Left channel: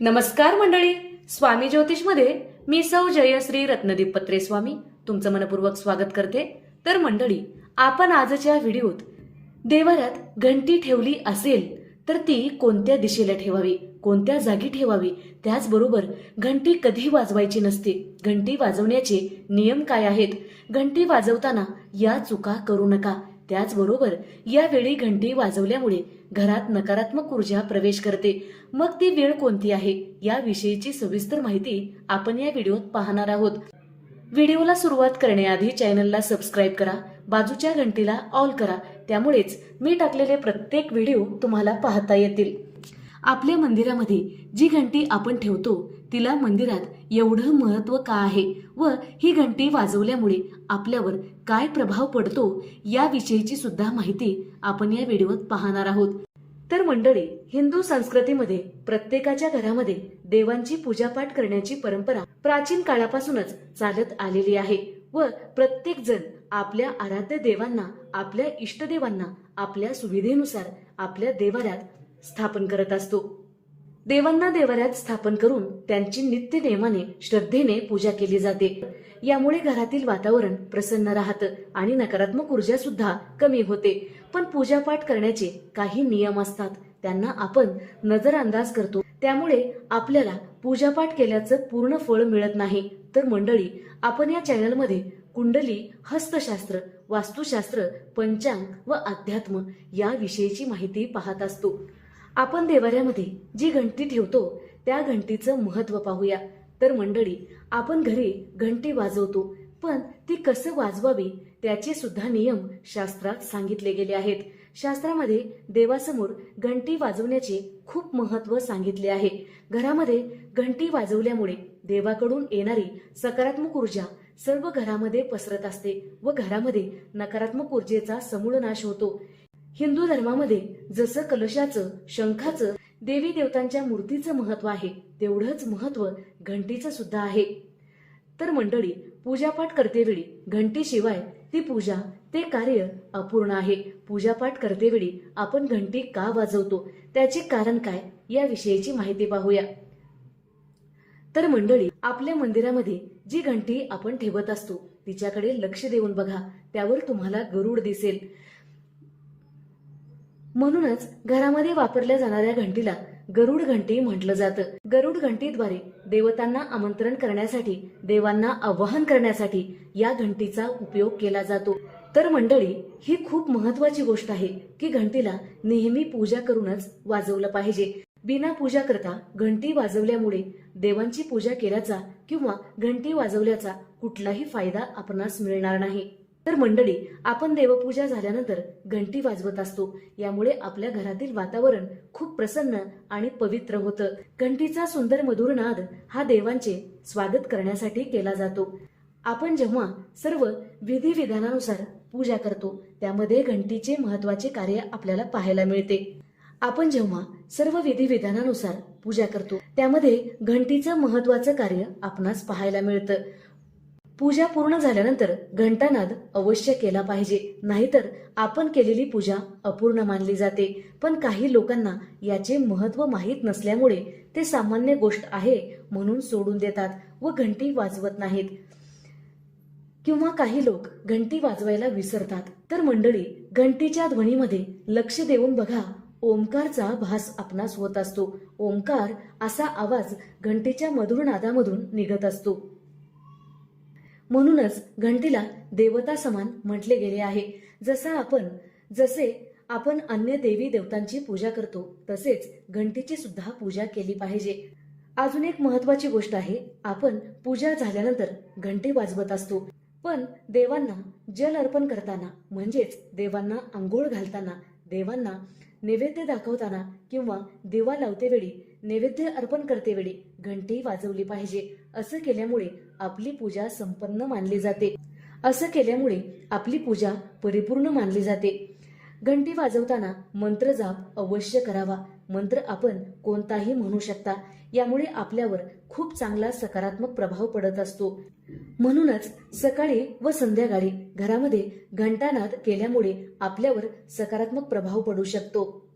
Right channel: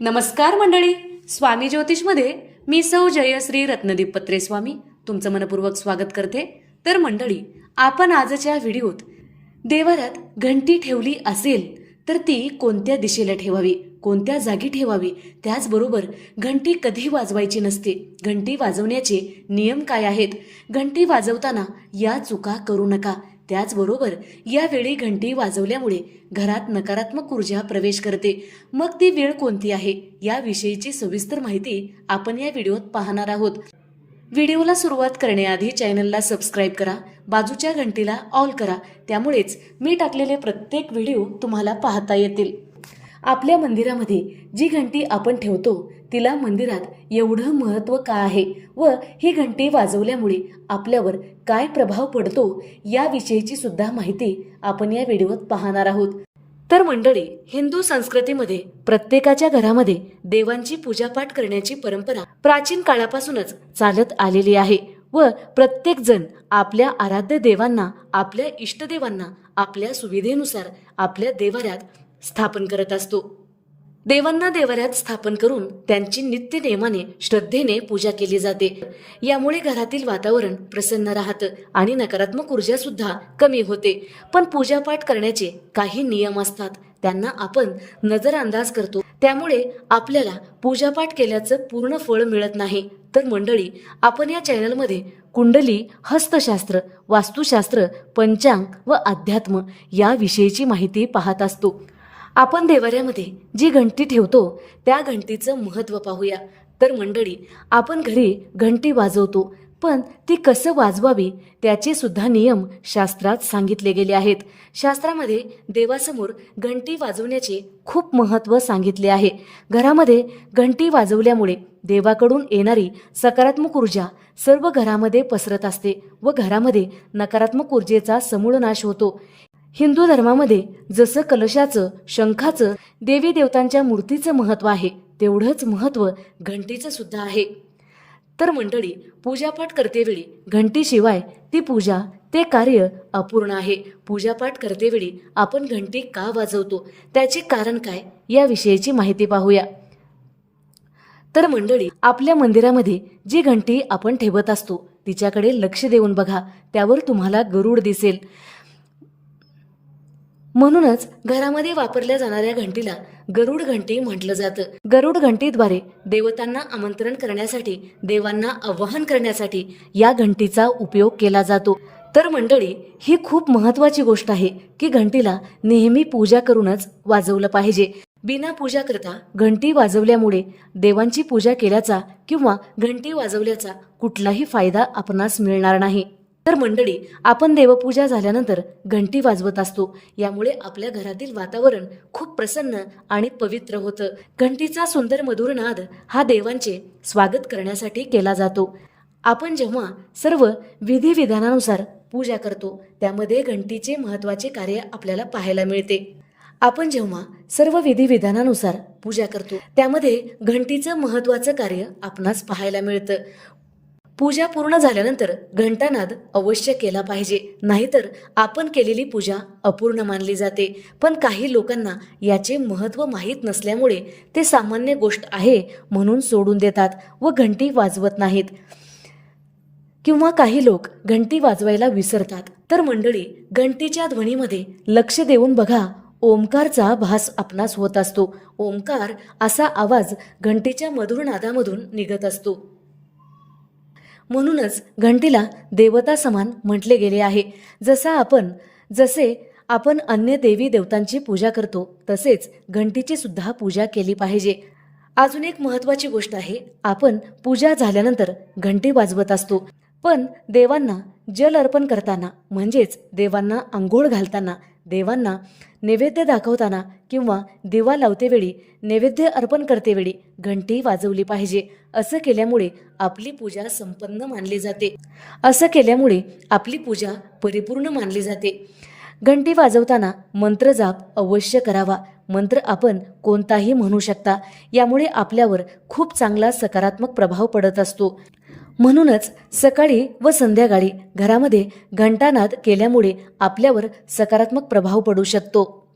नमस्कार मंडळी. स्वामी ज्योतिषमध्ये मी सौ जयश्री रत्नदीप पत्रे स्वामी तुमचं मनपूर्वक स्वागत करते. तर मंडळी आपण आजच्या व्हिडिओत देवारात घंटी ठेवली असेल तर ती कोणत्या दिशेला ठेवावी? कोणत्या जागी ठेवावी? त्याचबरोबर घंटी कधी वाजवायची नसते? घंटी वाजवण्याचे नियम काय आहेत? घंटी वाजवताना या चुका करू नका. त्याचबरोबर यावेळी घंटी वाजवल्यामुळे घरात नकारात्मक ऊर्जा प्रवेश करते. मग ती वेळ कोणती आहे? याविषयीची सविस्तर माहिती आपण या व्हिडिओत पाहणार आहोत. व्हिडिओला सुरुवात करण्याआधी चॅनलला सबस्क्राईब करा बाजूच्या घंटीला ऑल करा त्यामुळेच मी टाकलेले प्रत्येक व्हिडिओ तुम्हाला पाहता येतील. आपल्या मंदिरामध्ये जी घंटी आपण ठेवतो तिला मंदिरात एवढं महत्त्व का आहे? व ही घंटी वाजवल्यामुळे आपल्यावर काय प्रभाव पडतो याविषयीची सुद्धा माहिती आपण या व्हिडिओत पाहणार आहोत. तर मंडळी हिंदू संस्कृतीमध्ये प्रत्येकाच्या घरामध्ये देवांची पूजापाठ करण्याची परंपरा प्राचीन काळापासूनच चालत आलेली आहे व प्रत्येक जण आपल्या आराध्य देवांना आपल्या इष्टदेवांना आपल्या सुविधेनुसार आपल्या देवाऱ्यात स्थापन करत असतो. देवांना देवाऱ्यात स्थापन करून त्यांची नित्य नेमाने श्रद्धेने पूजा केली जाते. यामुळे घरातील वातावरण प्रसन्न राहतं आणि नकारात्मक ऊर्जा सुद्धा कमी होते. पण पूजापाठ करण्याचे काही नियम असतात. त्यांना आपण नजरअंदाज करतो. त्यामुळे आपल्याला पूजापाठ केल्याचं पूर्ण फळ मिळत नाही. तर मंडळी आपण या चॅनलमध्ये कुंडली हस्तशास्त्र वास्तुशास्त्र पंचांग व अध्यात्म या विषयीची माहिती पाहत असतो. आपण देवाऱ्यामध्ये जी घंटी ठेवतो त्या घंटीचं महत्त्व पाहूया. तर मंडळी आपण घरी घंटी वाजवतो पण ती कसं वाजवावी त्याचे सुद्धा नियम शास्त्रात सांगितले गेले आहेत. शास्त्रामध्ये देवासमोर घंटी वाजवण्याचे खूप महत्त्व सांगितले आहे. घरामध्ये घंटी वाजवल्यामुळे देवाकडून येणारी सकारात्मक ऊर्जा सर्व घरामध्ये पसरत असते व घरामध्ये नकारात्मक ऊर्जेचा समूळ नाश होतो. हिंदू धर्मामध्ये जसं कलशाचं शंखाचं देवी देवतांच्या मूर्तीचं महत्त्व आहे तेवढंच महत्त्व घंटीचं सुद्धा आहे. तर मंडळी पूजापाठ करतेवेळी घंटीशिवाय ती पूजा ते कार्य अपूर्ण आहे. पूजापाठ करतेवेळी आपण घंटी का वाजवतो? त्याचे कारण काय? याविषयीची माहिती पाहूया. तर मंडळी आपल्या मंदिरामध्ये जी घंटी आपण ठेवत असतो तिच्याकडे लक्ष देऊन बघा. त्यावर तुम्हाला गरुड दिसेल. म्हणूनच घरामध्ये वापरल्या जाणाऱ्या घंटीला गरुड घंटी म्हटलं जातं. गरुड घंटीद्वारे देवतांना आमंत्रण करण्यासाठी देवांना आवाहन करण्यासाठी या घंटीचा उपयोग केला जातो. तर मंडळी ही खूप महत्वाची गोष्ट आहे की घंटीला नेहमी पूजा करूनच वाजवलं पाहिजे. बिना पूजा करता घंटी वाजवल्यामुळे देवांची पूजा केल्याचा किंवा घंटी वाजवल्याचा कुठलाही फायदा आपणास मिळणार नाही. तर मंडळी आपण देवपूजा झाल्यानंतर घंटी वाजवत असतो. यामुळे आपल्या घरातील वातावरण खूप प्रसन्न आणि पवित्र होतं. घंटीचा सुंदर मधुर नाद हा देवांचे स्वागत करण्यासाठी केला जातो. आपण जेव्हा सर्व विधिविधानानुसार पूजा करतो त्यामध्ये घंटीचे महत्त्वाचे कार्य आपल्याला पाहायला मिळते. आपण जेव्हा सर्व विधिविधानानुसार पूजा करतो त्यामध्ये घंटीचं महत्वाचं कार्य आपणास पाहायला मिळतं. पूजा पूर्ण झाल्यानंतर घंटानाद अवश्य केला पाहिजे. नाहीतर आपण केलेली पूजा अपूर्ण मानली जाते. पण काही लोकांना याचे महत्त्व माहीत नसल्यामुळे ते सामान्य गोष्ट आहे म्हणून सोडून देतात व घंटी वाजवत नाहीत. किंवा काही लोक घंटी वाजवायला विसरतात. तर मंडळी घंटीच्या ध्वनीमध्ये लक्ष देऊन बघा. ओंकारचा भास आपणास होत असतो. ओंकार असा आवाज घंटीच्या मधुर नादामधून निघत असतो. म्हणूनच घंटीला देवता समान म्हटले गेले आहे. जसा आपण जसे आपण अन्य देवी देवतांची पूजा करतो तसेच घंटीची सुद्धा पूजा केली पाहिजे. अजून एक महत्वाची गोष्ट आहे आपण पूजा झाल्यानंतर घंटी वाजवत असतो. पण देवांना जल अर्पण करताना म्हणजेच देवांना आंघोळ घालताना देवांना नैवेद्य दाखवताना किंवा दिवा लावतेवेळी नैवेद्य अर्पण करतेवेळी घंटी वाजवली पाहिजे. असं केल्यामुळे आपली पूजा संपन्न मानली जाते. असं केल्यामुळे आपली पूजा परिपूर्ण मानली जाते. घंटी वाजवताना मंत्र जाप अवश्य करावा. मंत्र आपण कोणताही म्हणू शकता. यामुळे आपल्यावर खूप चांगला सकारात्मक प्रभाव पडत असतो. म्हणूनच सकाळी व संध्याकाळी घरामध्ये घंटानाद केल्यामुळे आपल्यावर सकारात्मक प्रभाव पडू शकतो.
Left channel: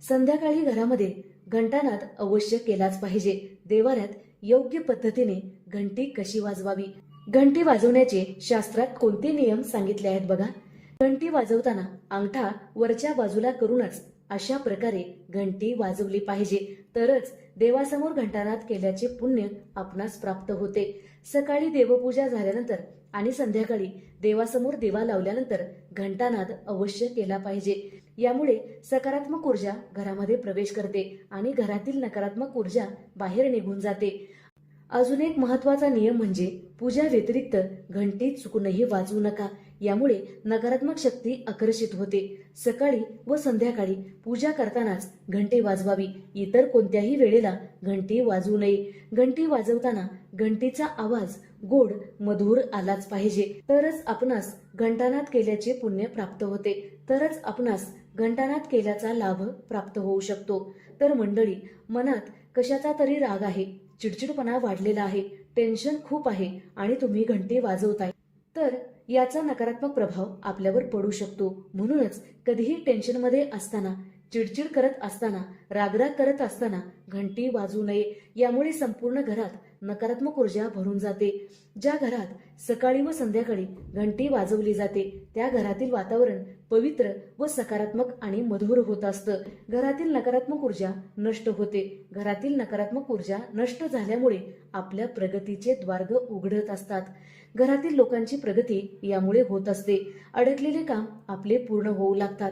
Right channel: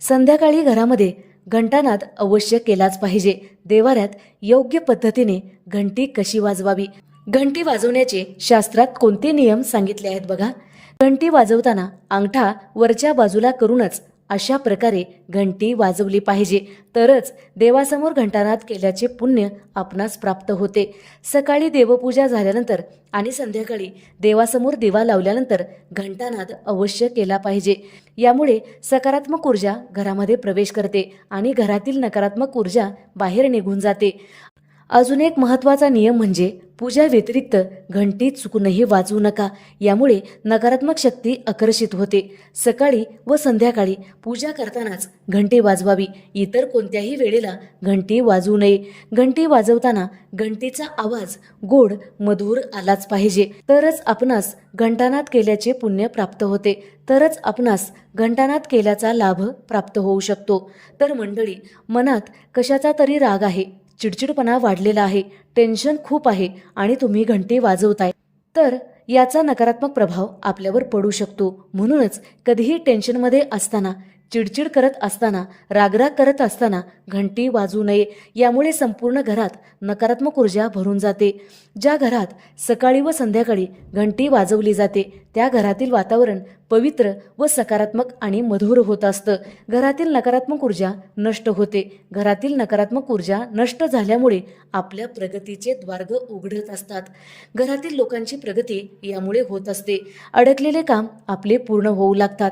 संध्याकाळी घरामध्ये घंटानाद अवश्य केलाच पाहिजे. देवाऱ्यात योग्य पद्धतीने घंटी कशी वाजवावी? घंटी वाजवण्याचे शास्त्रात कोणते नियम सांगितले आहेत बघा? घंटी वाजवताना अंगठा वरच्या बाजूला करूनच अशा प्रकारे घंटी वाजवली पाहिजे. तरच देवासमोर घंटानाद केल्याचे पुण्य आपणास प्राप्त होते. सकाळी देवपूजा झाल्यानंतर आणि संध्याकाळी देवासमोर दिवा लावल्यानंतर घंटानाद अवश्य केला पाहिजे. यामुळे सकारात्मक ऊर्जा घरामध्ये प्रवेश करते आणि घरातील नकारात्मक ऊर्जा बाहेर निघून जाते. अजून एक महत्त्वाचा नियम म्हणजे पूजा व्यतिरिक्त घंटी चुकूनही वाजवू नका. यामुळे नकारात्मक शक्ती आकर्षित होते. सकाळी व संध्याकाळी पूजा करतानाच घंटी वाजवावी. इतर कोणत्याही वेळेला घंटी वाजवू नये. घंटी वाजवताना घंटीचा आवाज गोड मधुर आलाच पाहिजे. तरच आपणास घंटानाद केल्याचे पुण्य प्राप्त होते. तरच आपणास घंटानाद केल्याचा लाभ प्राप्त होऊ शकतो. तर मंडळी मनात कशाचा तरी राग आहे? चिडचिडपणा वाढलेला आहे टेन्शन खूप आहे आणि तुम्ही घंटी वाजवताय. तर याचा नकारात्मक प्रभाव आपल्यावर पडू शकतो. म्हणूनच कधीही टेन्शनमध्ये असताना चिडचिड करत असताना रागराग करत असताना घंटी वाजू नये. यामुळे संपूर्ण घरात नकारात्मक ऊर्जा भरून जाते. ज्या घरात सकाळी व संध्याकाळी घंटी वाजवली जाते त्या घरातील वातावरण पवित्र व सकारात्मक आणि मधुर होत असतं. घरातील नकारात्मक ऊर्जा नष्ट होते. घरातील नकारात्मक ऊर्जा नष्ट झाल्यामुळे आपल्या प्रगतीचे द्वार्ग उघडत असतात. घरातील लोकांची प्रगती यामुळे होत असते. अडकलेले काम आपले पूर्ण होऊ लागतात.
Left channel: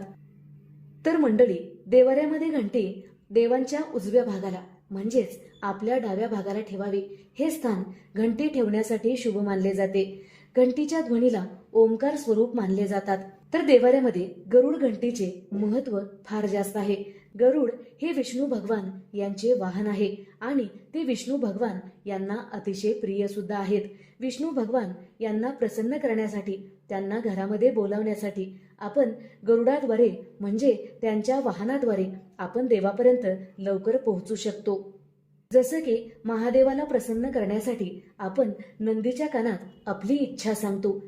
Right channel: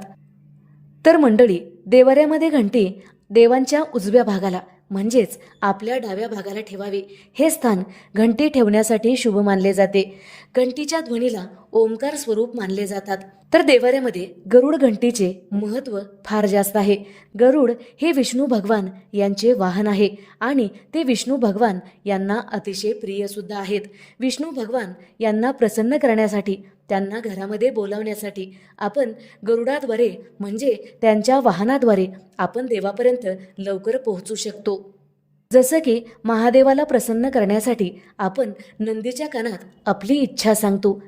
तर मंडळी देवाऱ्यामध्ये घंटी देवांच्या उजव्या भागाला म्हणजेच आपल्या डाव्या भागाला ठेवावे. हे स्थान घंटी ठेवण्यासाठी शुभ मानले जाते. घंटीच्या ध्वनीला ओंकार स्वरूप मानले जातात. तर देवाऱ्यामध्ये गरुड घंटीचे महत्त्व फार जास्त आहे. गरुड हे विष्णू भगवान यांचे वाहन आहे आणि ते विष्णू भगवान यांना अतिशय प्रियसुद्धा आहेत. विष्णू भगवान यांना प्रसन्न करण्यासाठी त्यांना घरामध्ये बोलावण्यासाठी आपण गरुडाद्वारे म्हणजे त्यांच्या वाहनाद्वारे आपण देवापर्यंत लवकर पोहोचू शकतो. जसं की महादेवाला प्रसन्न करण्यासाठी आपण नंदीच्या कानात आपली इच्छा सांगतो.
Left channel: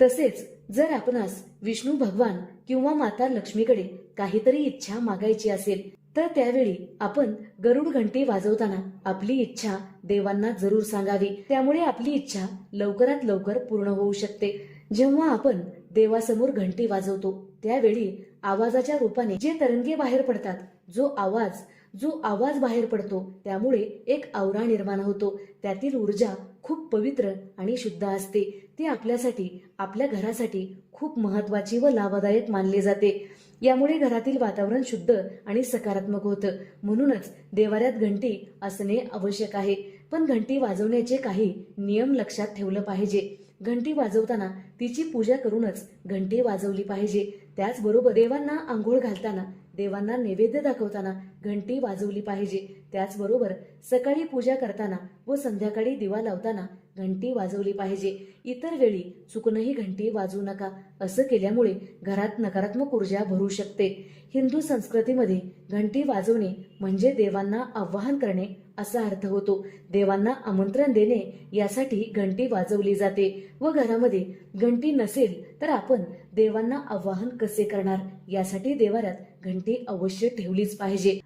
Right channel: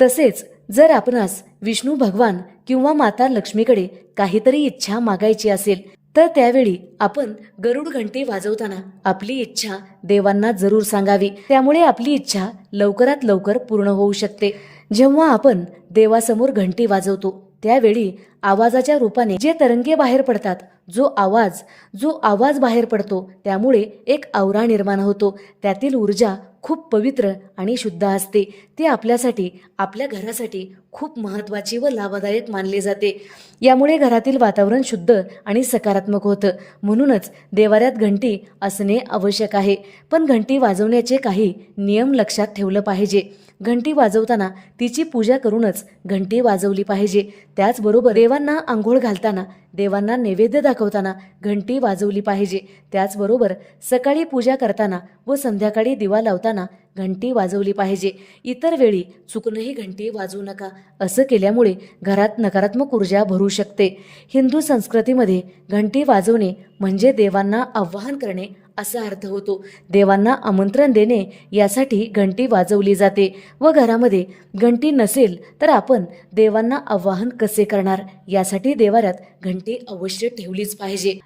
तसेच जर आपणास विष्णू भगवान किंवा माता लक्ष्मीकडे काहीतरी इच्छा मागायची असेल तर त्यावेळी आपण गरुड घंटी वाजवताना आपली इच्छा देवांना जरूर सांगावी. त्यामुळे आपली इच्छा लवकरात लवकर पूर्ण होऊ शकते. जेव्हा आपण देवासमोर घंटी वाजवतो त्यावेळी आवाजाच्या रूपाने जे तरंगे बाहेर पडतात जो आवाज जो आवाज बाहेर पडतो त्यामुळे एक आवरा निर्माण होतो. त्यातील ऊर्जा खूप पवित्र आणि शुद्ध असते. ती आपल्यासाठी आपल्या घरासाठी खूप महत्त्वाची व लाभदायक मानली जाते. यामुळे घरातील वातावरण शुद्ध आणि सकारात्मक होतं. म्हणूनच देवाऱ्यात घंटी असणे आवश्यक आहे. पण घंटी वाजवण्याचे काही नियम लक्षात ठेवलं पाहिजे. घंटी वाजवताना तिची पूजा करूनच घंटी वाजवली पाहिजे. त्याचबरोबर देवांना आंघोळ घालताना देवांना नैवेद्य दाखवताना घंटी वाजवली पाहिजे. त्याचबरोबर सकाळी पूजा करताना व संध्याकाळी दिवा लावताना घंटी वाजवली पाहिजे. इतर वेळी चुकूनही घंटी वाजवू नका. असं केल्यामुळे घरात नकारात्मक ऊर्जा भरू शकते. हिंदू संस्कृतीमध्ये घंटी वाजवणे म्हणजे देवांना आवाहन करणे असा अर्थ होतो. देवांना आमंत्रण देणे यासाठी घंटी वाजवली जाते व घरामध्ये घंटी नसेल तर आपण देवांना आवाहन कसे करणार? यासाठी देवाऱ्यात घंटी अवश्य ठेवलीच पाहिजे.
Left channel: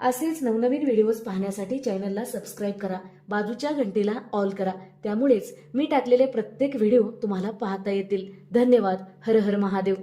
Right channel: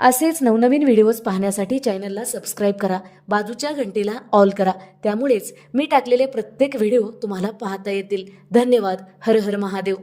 असेच नवनवीन व्हिडिओज पाहण्यासाठी चॅनलला सबस्क्राईब करा. बाजूच्या घंटीला ऑल करा. त्यामुळेच मी टाकलेले प्रत्येक व्हिडिओ तुम्हाला पाहता येतील. धन्यवाद. हर हर महादेव.